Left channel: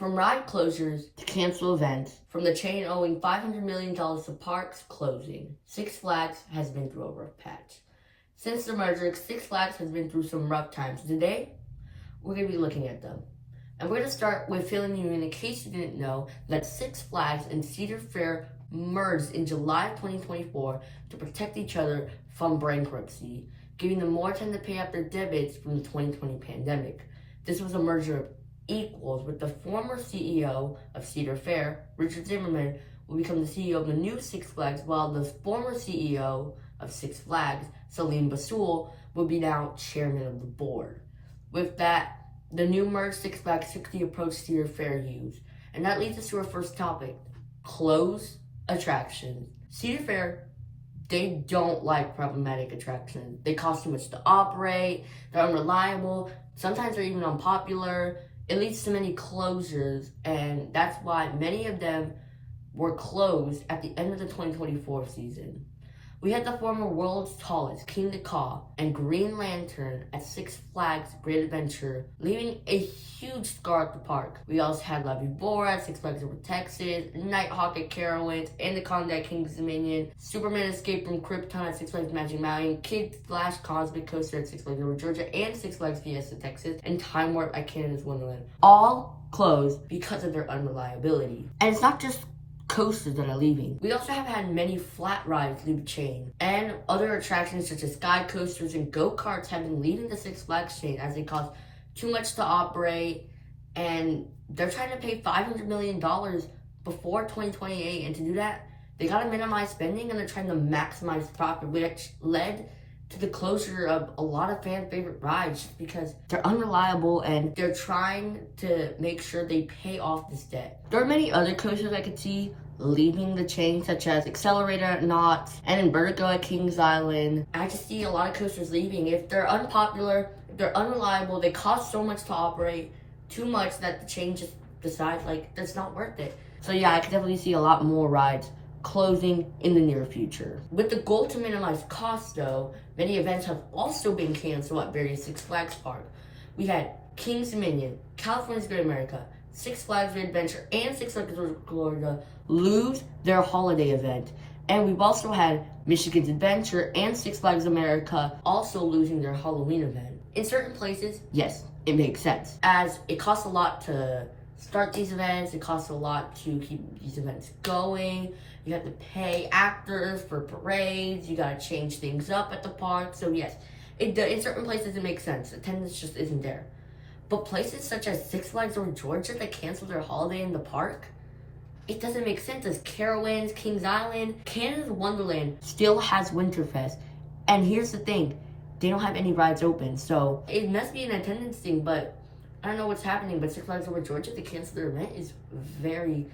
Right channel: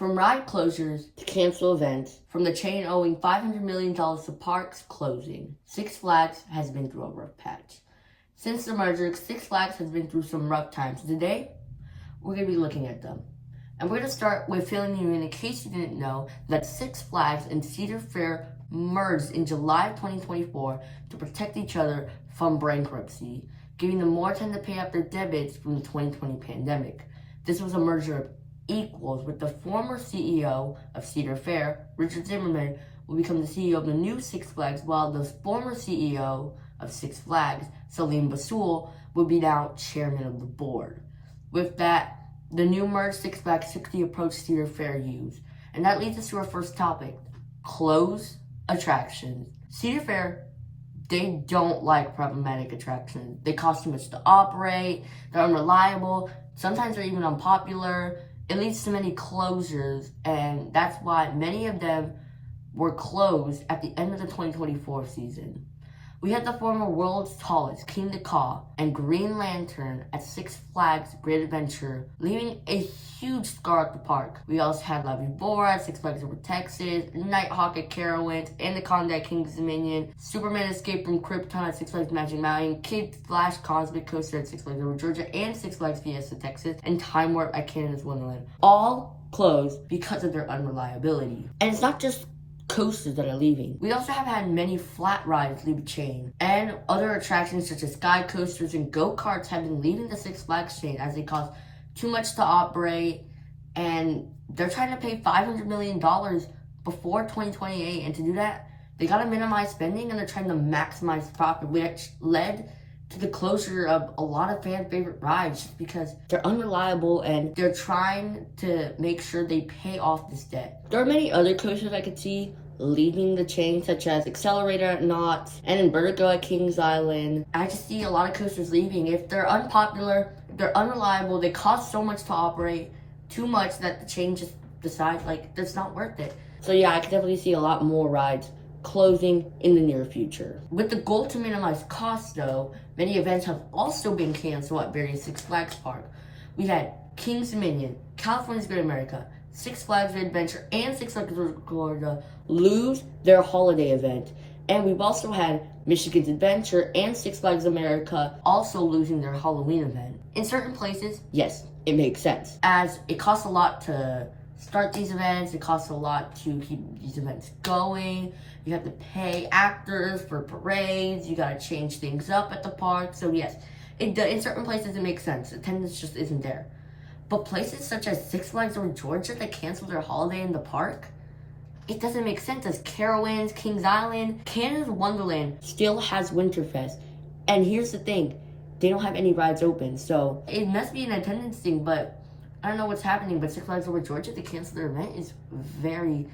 From ride closures to cancel events, from the chain owing $500 million to parks closing, Six Flags has been through a rough patch. Since the merger, Six Flags has been through some rough times. Today, we're going to be looking at them. And we're going to start with filling you in case you didn't know that Six Flags and Cedar Fair merged in July of 2024 to protect each other from bankruptcy, giving them more time to pay up their debits from the 2020 pandemic. This was a merger of equals, with the former CEO of Cedar Fair, Richard Zimmerman, will become the CEO of the new Six Flags, while the former CEO of Six Flags, Salim Basul, will be now chairman of the board. With that, the new merged Six Flags took the approach Cedar Fair used. And that leads us to our first topic: closed attractions. Cedar Fair, they don't like problematic attractions. They cost too much to operate, they're unreliable, sometimes they're even unpopular. It leads to many closures, and that's why many of them were closed at the end of the 2024 season. We had the former world's tallest King Caw and Green Lantern at Six Flags Great Adventure, leaving a huge scar at the park. We also had La Vibora at Six Flags Over Texas, Nighthawk at Carowinds, Anaconda at King's Dominion, Superman Escape from Krypton at Six Flags Magic Mountain, Kid Flash Cosmic Coaster at Six Flags Over Georgia and Six Flags Fiesta Texas, and Time Warp at Canada's Wonderland. All closed because of their unreliability. And it's not just coasters that are leaving. We also have had many flat rides leave the chain, and other attractions such as sky coasters and go-karts have been leaving the Six Flags chain as they cost too much to operate, and they're trying to pay $500 million before 2028, and to do that, they gotta minimize spending and they're trying to maximize profit, which led to the closure of a lot of fan favorite rides just because they're unreliable and they're trying to make sure they pay off this debt. There are many other coasters I could see leaving the chain, such as Accelerator at Knott's and Invertigo at Kings Island. I just see a lot of coasters leaving. If they're unpopular, if they're unreliable, they cost so much to operate, too much that the chain just decides like that's not worth it. So yeah, I could definitely see a lot more rides closing in the near future. With the goal to minimize costs though, many events have also been canceled at various Six Flags parks. We had King's Dominion, California's Great America, Six Flags Great Adventure, and Six Flags Florida lose their holiday event. And we've also had Michigan's Adventure and Six Flags America also losing their Halloween event. In certain places, yes, it makes sense, as it costs a lot to start these events, it costs a lot to keep these events going. You have to pay actors for parades, you gotta change things up at the park. So yes, in certain places it makes sense. Attendance just isn't there. But places such as Six Flags Over Georgia that cancel their holiday in the park, it doesn't make sense, as Carowinds, Kings Island, Canada's Wonderland still has Winterfest. And here's the thing, they don't have any rides open. So it must be an attendance thing, but I don't know what's happening. But Six Flags Over Georgia, they canceled their event is very,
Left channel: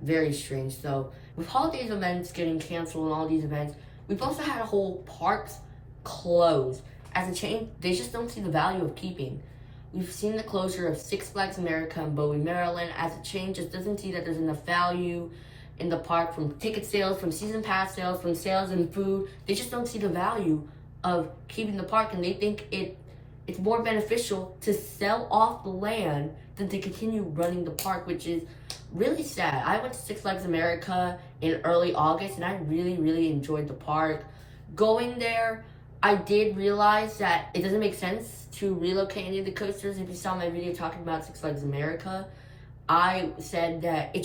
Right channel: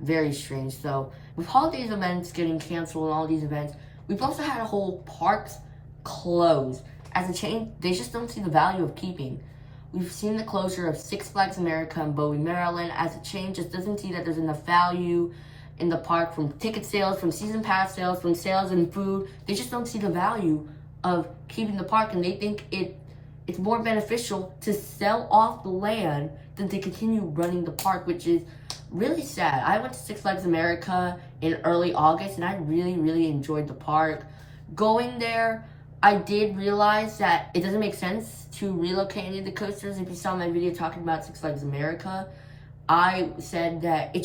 very strange. So with holidays events getting canceled and all these events, we've also had a whole parks close. As a chain, they just don't see the value of keeping. We've seen the closure of Six Flags America in Bowie, Maryland, as a chain just doesn't see that there's enough value in the park from ticket sales, from season pass sales, from sales and food. They just don't see the value of keeping the park, and they think it's more beneficial to sell off the land than to continue running the park, which is really sad. I went to Six Flags America in early August, and I really, really enjoyed the park. Going there, I did realize that it doesn't make sense to relocate any of the coasters. If you saw my video talking about Six Flags America, I said that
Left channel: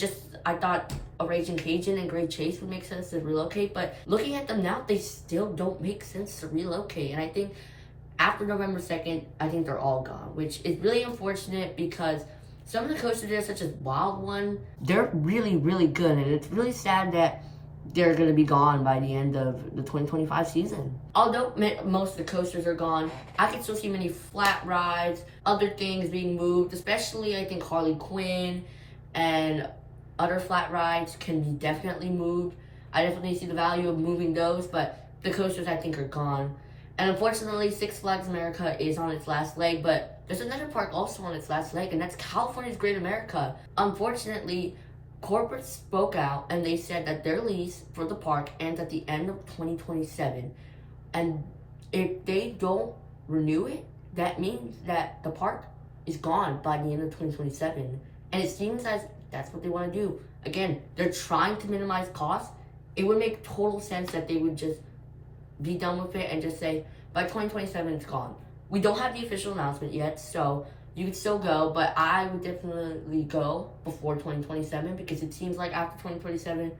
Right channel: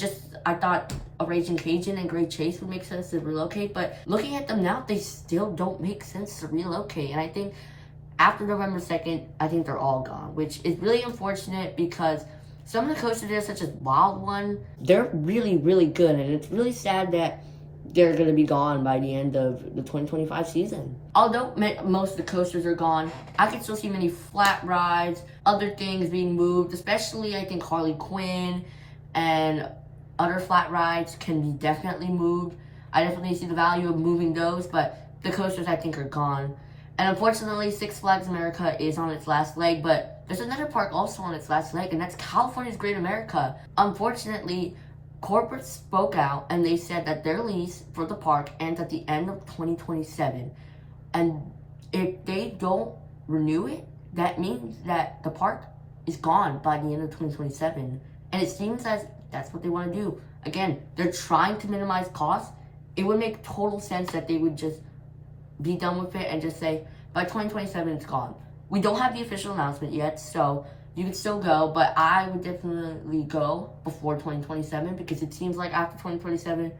I thought a Raging Cajun and Great Chase would make sense to relocate, but looking at them now, they still don't make sense to relocate. And I think after November 2nd, I think they're all gone, which is really unfortunate because some of the coasters there, such as Wild One, they're really, really good. And it's really sad that they're going to be gone by the end of the 2025 season. Although most of the coasters are gone, I can still see many flat rides, other things being moved, especially I think Harley Quinn and other flat rides can be definitely moved. I definitely see the value of moving those, but the coasters I think are gone. And unfortunately, Six Flags America is on its last leg, but there's another park also on its last leg, and that's California's Great America. Unfortunately, corporate spoke out and they said that their lease for the park ends at the end of 2027. And if they don't renew it, that means that the park is gone by the end of 2027. And it seems as that's what they want to do. Again, they're trying to minimize costs. It would make total sense that they would just be done with it and just say, by 2027, it's gone. We don't have the official announcement yet, so you could still go, but I would definitely go before 2027 because it seems like after 2027,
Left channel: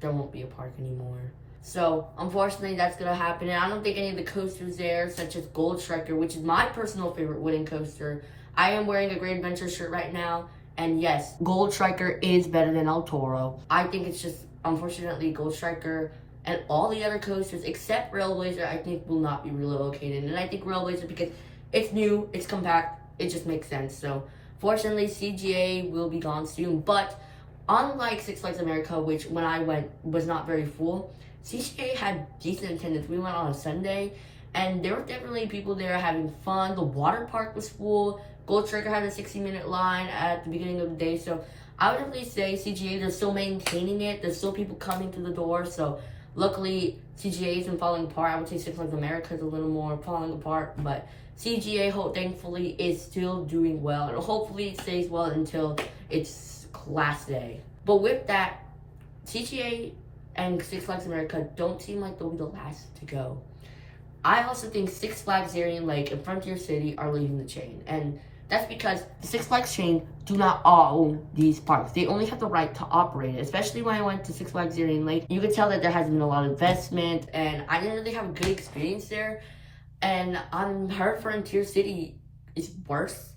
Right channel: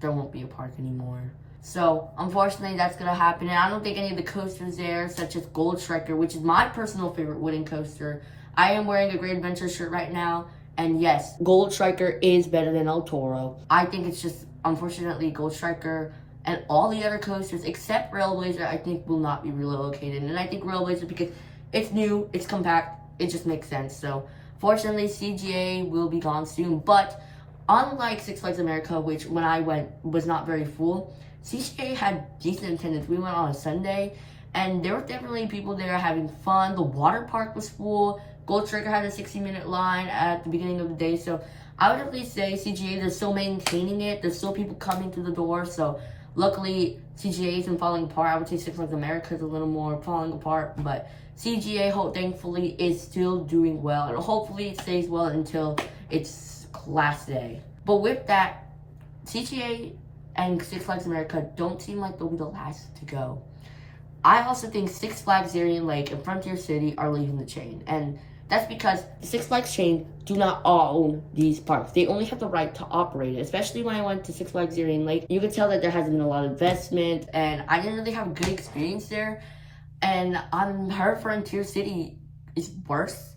there won't be a park anymore. So, unfortunately, that's going to happen. And I don't think any of the coasters there, such as Gold Striker, which is my personal favorite wooden coaster. I am wearing a Great Adventure shirt right now. And yes, Gold Striker is better than El Toro. I think it's just, unfortunately, Gold Striker and all the other coasters, except Railblazer, I think will not be relocated. And I think Railblazer, because it's new, it's compact, it just makes sense. So, fortunately, CGA will be gone soon. But, unlike Six Flags America, which when I went was not very full, CGA had decent attendance. We went on a Sunday, and there were definitely people there having fun. The water park was full. Gold Striker had a 60-minute line at the beginning of the day. So I would definitely say CGA, they're still maintaining it. There's still people coming to the door. So luckily, CGA isn't falling apart. I would say Six Flags America is a little more falling apart. But CGA, thankfully, is still doing well. And hopefully it stays well until it's class day. But with that, CGA and Six Flags America don't seem like they'll be the last to go. I also think Six Flags Darien Lake and Frontier City are leaving the chain. And that's because the Six Flags chain do not own these parks. They only have the right to operate it. Especially when I went to Six Flags Darien Lake, you could tell that there hasn't been a lot of investment. And I didn't really have a good experience there. And I heard Frontier City is worse.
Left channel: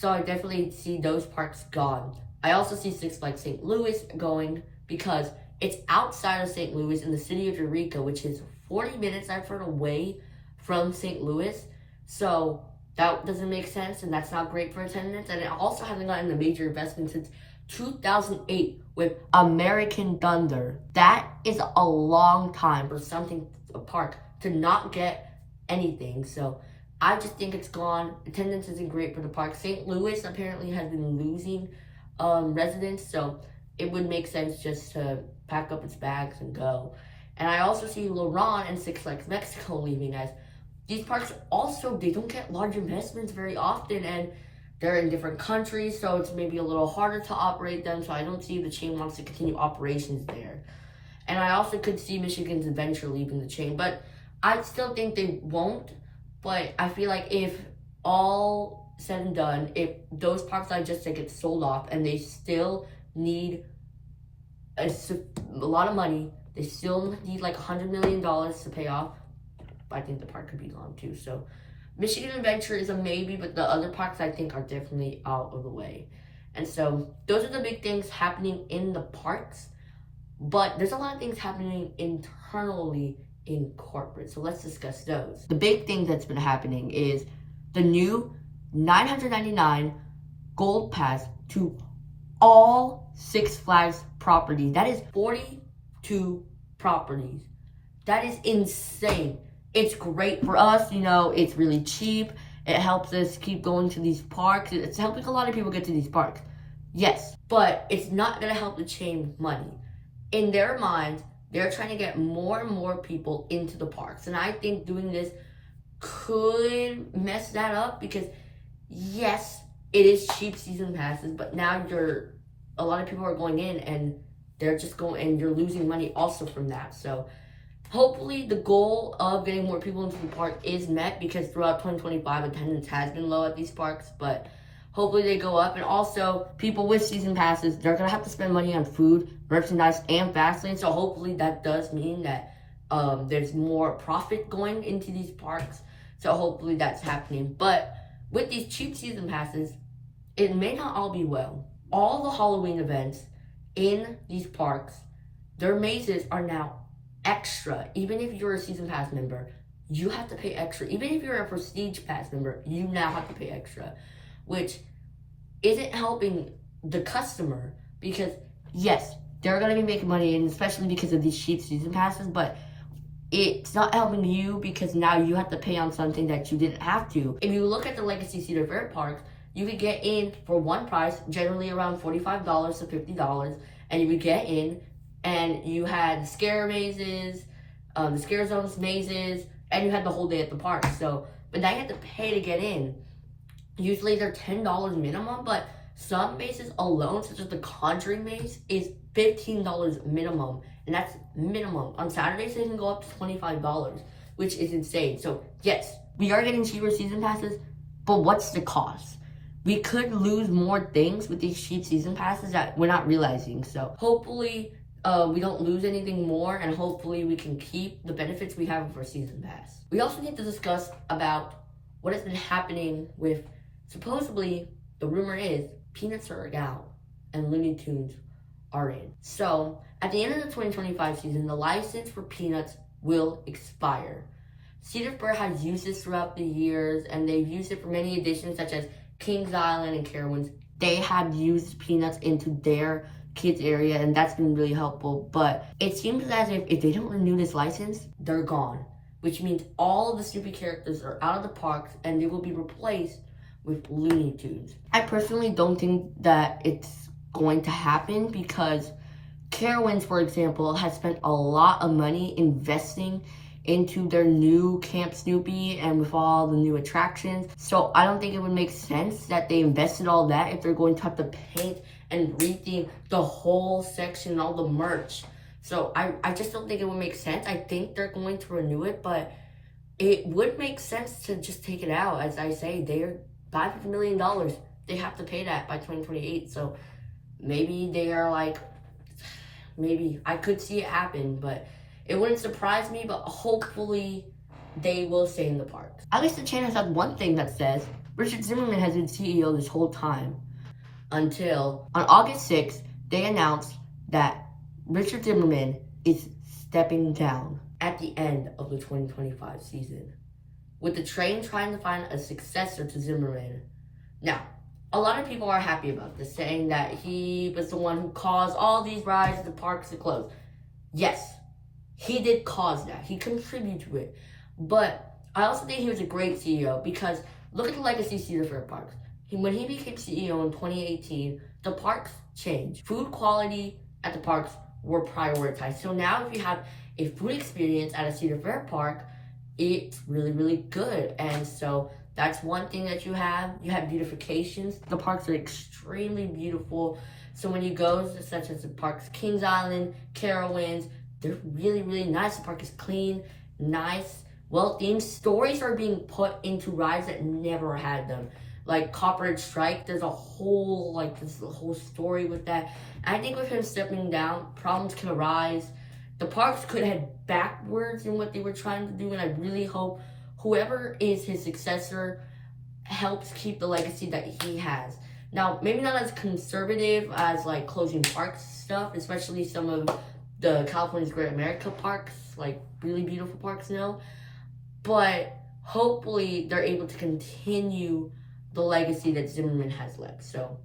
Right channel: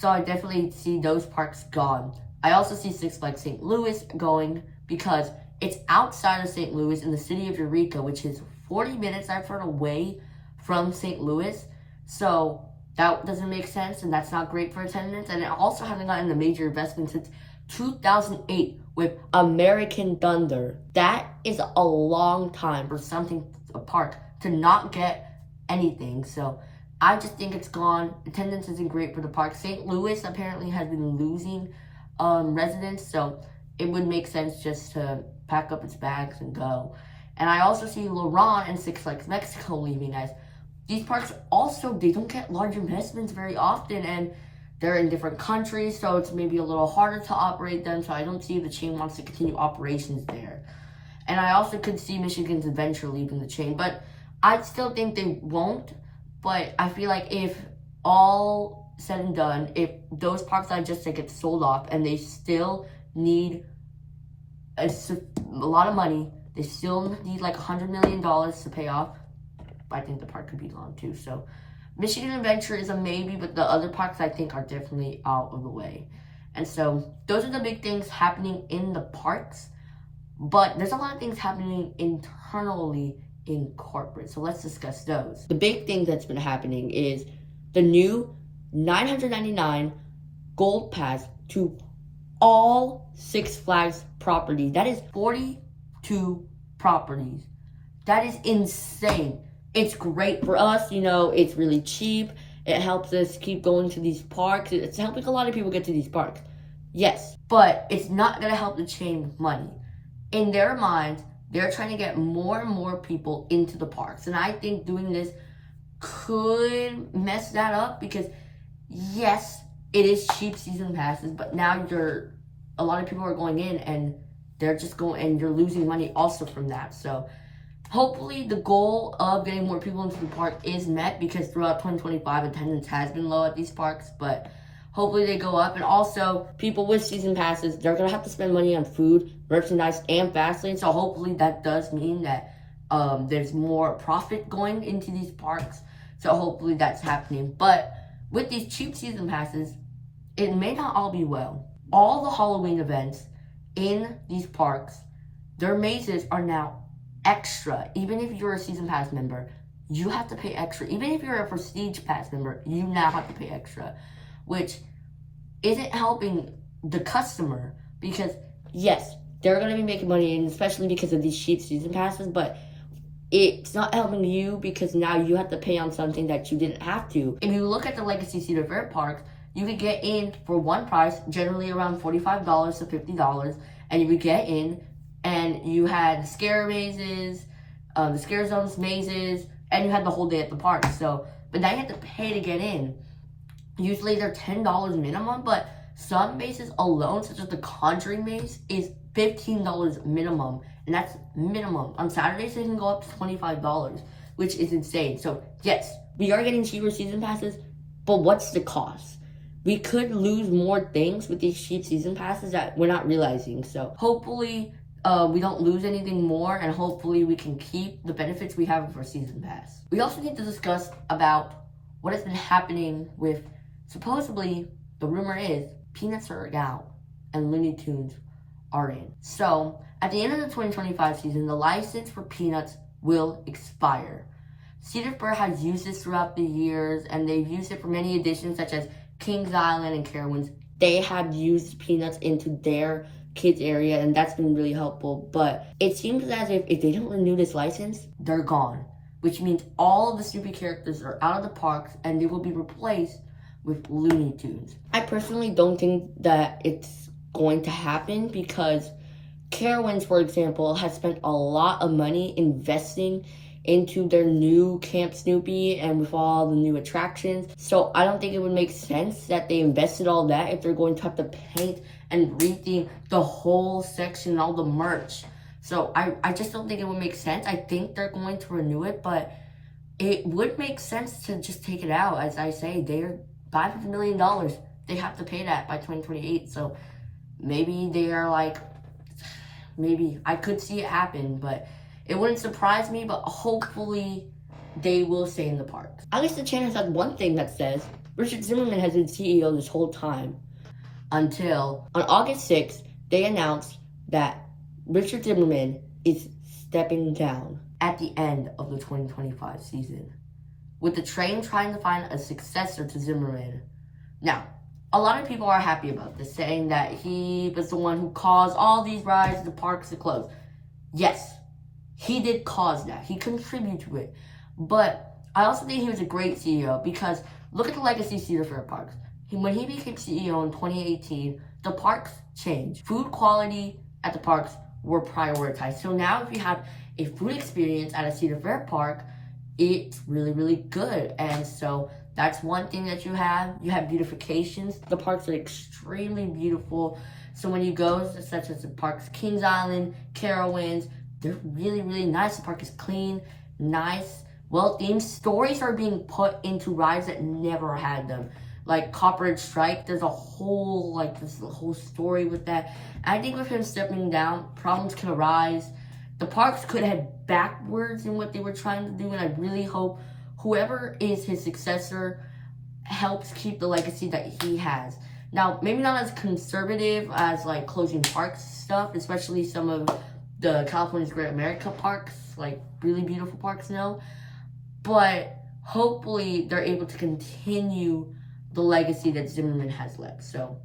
So I definitely see those parks gone. I also see Six Flags St. Louis going because it's outside of St. Louis in the city of Eureka, which is 40 minutes, I've heard, away from St. Louis. So that doesn't make sense, and that's not great for attendance. And it also hasn't gotten a major investment since 2008 with American Thunder. That is a long time for a park to not get anything. So I just think it's gone. Attendance isn't great for the park. St. Louis apparently has been losing residents, so it would make sense just to pack up its bags and go. And I also see Laurent and Six Flags Mexico leaving, as these parks also, they don't get large investments very often, and they're in different countries, so it's maybe a little harder to operate them. So I don't see the chain wants to continue operations there. And I also could see Michigan's Adventure leaving the chain, but I still think they won't. But I feel like if all said and done, if those parks I just said get sold off and they still need a lot of money, they still need like $100 million to pay off, I think the park could be gone too. So Michigan Adventure is a maybe, but the other parks I think are definitely out of the way. And so those are the big things happening in the parks. But there's a lot of things happening internally in corporate. So let's discuss those. The big thing that's been happening is the new $999 Gold Pass to all Six Flags properties. That is 42 properties. That is insane. It's great for us, it's really cheap. It helps us keep going to these parks. It's helping a lot of people get to these parks. Yes, but it's not going to help the chain with money. In their minds, they're trying to get more and more people into the parks. And I think doing this could mess that up because, yes, it is cheap season passes, but now a lot of people are going in and they're just going, and you're losing money also from that. So hopefully the goal of getting more people into the park is met, because throughout 2025, attendance has been low at these parks, but hopefully they go up. And also, people with season passes, they're going to have to spend money on food, merchandise, and Fastlane. So hopefully that does mean that there's more profit going into these parks. So hopefully that's happening. But with these cheap season passes, it may not all be well. All the Halloween events in these parks, their mazes are now extra. Even if you're a season pass member, you have to pay extra. Even if you're a prestige pass member, you now have to pay extra, which isn't helping the customer, because yes, they're going to be making money, and especially because of these cheap season passes, but it's not helping you because now you have to pay on something that you didn't have to. If you look at the Legacy Cedar Fair parks, you could get in for one price, generally around $45 to $50, and you would get in, and you had the scare mazes, the scare zones mazes, and you had the whole day at the park. So, but now you have to pay to get in. Usually they're $10 minimum, but Some maces alone, such as the Conjuring mace, is $15 minimum, and that's minimum. On Saturdays, they can go up to $25, which is insane. So yes, we are getting cheaper season passes, but what's the cost? We could lose more things with these cheap season passes that we're not realizing. So hopefully we don't lose anything more, and hopefully we can keep the benefits we have with our season pass. We also need to discuss about what has been happening with, supposedly, the rumor is, Peanuts are out and Looney Tunes are in. So at the end of the 2025 season, the license for Peanuts will expire. Cedar Fair has used this throughout the years, and they've used it for many editions such as Kings Island and Carowinds. They have used Peanuts into their kids area, and that's been really helpful. But it seems as if they don't renew this license, they're gone, which means all of the Snoopy characters are out of the parks and they will be replaced with Looney Tunes. I personally don't think that it's going to happen because Carowinds, for example, has spent a lot of money investing into their new Camp Snoopy and with all the new attractions. So I don't think it would make sense that they invested all that if they're going to have to paint and retheme the whole section, all the merch. So I just don't think it would make sense. I think they're going to renew it, but it would make sense to just take it out. As I say, they're $500 million. They have to pay that by 2028. So maybe they are like, maybe I could see it happen, but it wouldn't surprise me, but hopefully they will stay in the parks. At least the channel has had one thing that says Richard Zimmerman has been CEO this whole time, until on August 6th, they announced that Richard Zimmerman is stepping down at the end of the 2025 season, with the train trying to find a successor to Zimmerman. Now, a lot of people are happy about this, saying that he was the one who caused all these rides and the parks to close. Yes, he did cause that. He contributed to it. But I also think he was a great CEO because look at the legacy Cedar Fair parks. When he became CEO in 2018, the parks changed. Food quality at the parks were prioritized. So now if you have a food experience at a Cedar Fair park, it's really, really good. And so that's one thing that you have. You have beautifications. The parks are extremely beautiful. So when you go, such as the parks, Kings Island, Carowinds, they're really, really nice. The park is clean, nice, well-themed. Stories are being put into rides that never had them. Like Copperhead Strike, there's a whole, this whole story with that. I think with him stepping down, problems can arise. The parks could head backwards in what they were trying to do, and I really hope whoever is his successor helps keep the legacy that he has. Now, maybe not as conservative as like closing parks stuff, especially some of the California's Great America parks, like really beautiful parks now. But hopefully they're able to continue the legacy that Zimmerman has left. So,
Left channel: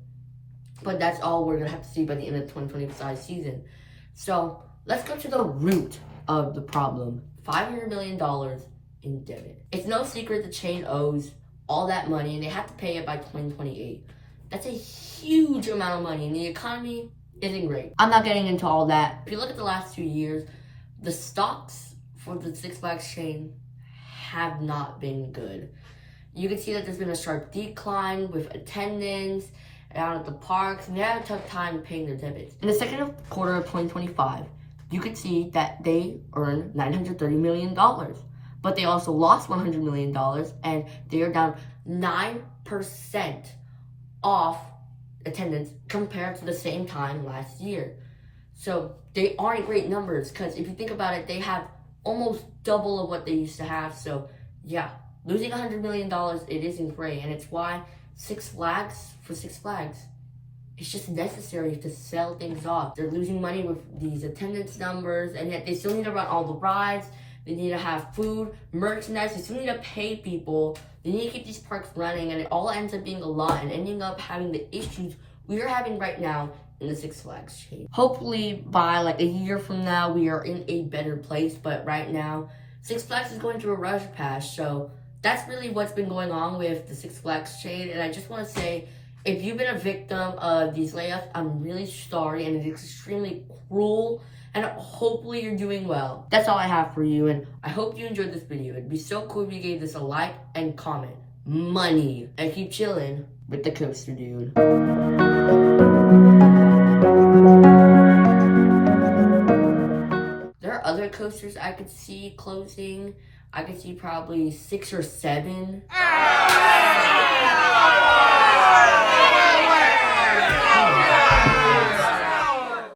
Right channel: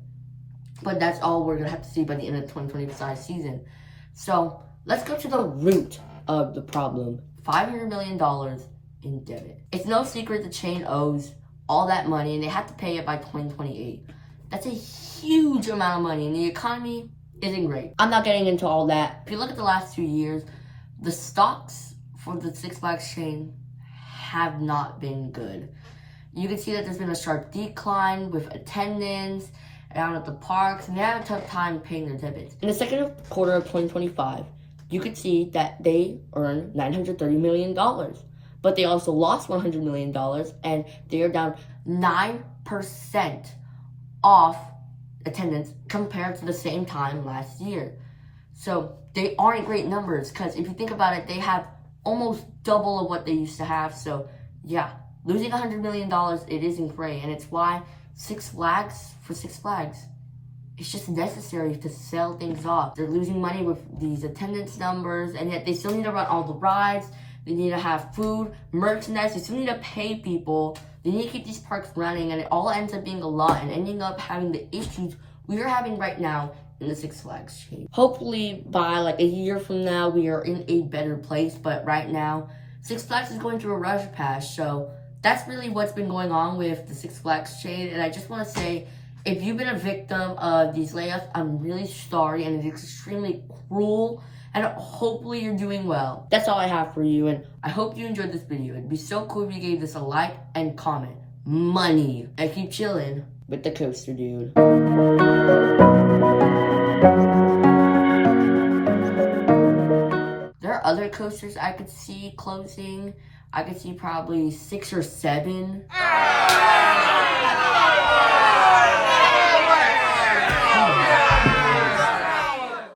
but that's all we're gonna have to see by the end of the 2025 season. So let's go to the root of the problem. $500 million in debt. It's no secret the chain owes all that money and they have to pay it by 2028. That's a huge amount of money, and the economy isn't great. I'm not getting into all that. If you look at the last 2 years, the stocks for the Six Flags chain have not been good. You can see that there's been a sharp decline with attendance out at the parks, and they have a tough time paying their debits. In the second quarter of 2025, you could see that they earned $930 million, but they also lost $100 million, and they are down 9% off attendance compared to the same time last year. So they aren't great numbers, because if you think about it, they have almost double of what they used to have. So yeah, losing $100 million, it isn't great, and it's why Six Flags, it's just necessary to sell things off. They're losing money with these attendance numbers, and yet they still need to run all the rides. They need to have food, merchandise. They still need to pay people. They need to keep these parks running, and it all ends up being a lot and ending up having the issues we are having right now in the Six Flags chain. Hopefully by like a year from now, we are in a better place, but right now, Six Flags is going through a rush patch. So that's really what's been going on with the Six Flags chain. And I just want to say, if you've been a victim of these layoffs, I'm really sorry, and it's extremely cruel, and hopefully you're doing well. That's all I have for you, and I hope you enjoyed this video. It'd be so cool if you gave this a like and comment. money. I keep chilling with the coaster dude. There are other coasters I could see closing. I could see probably 6 or 7.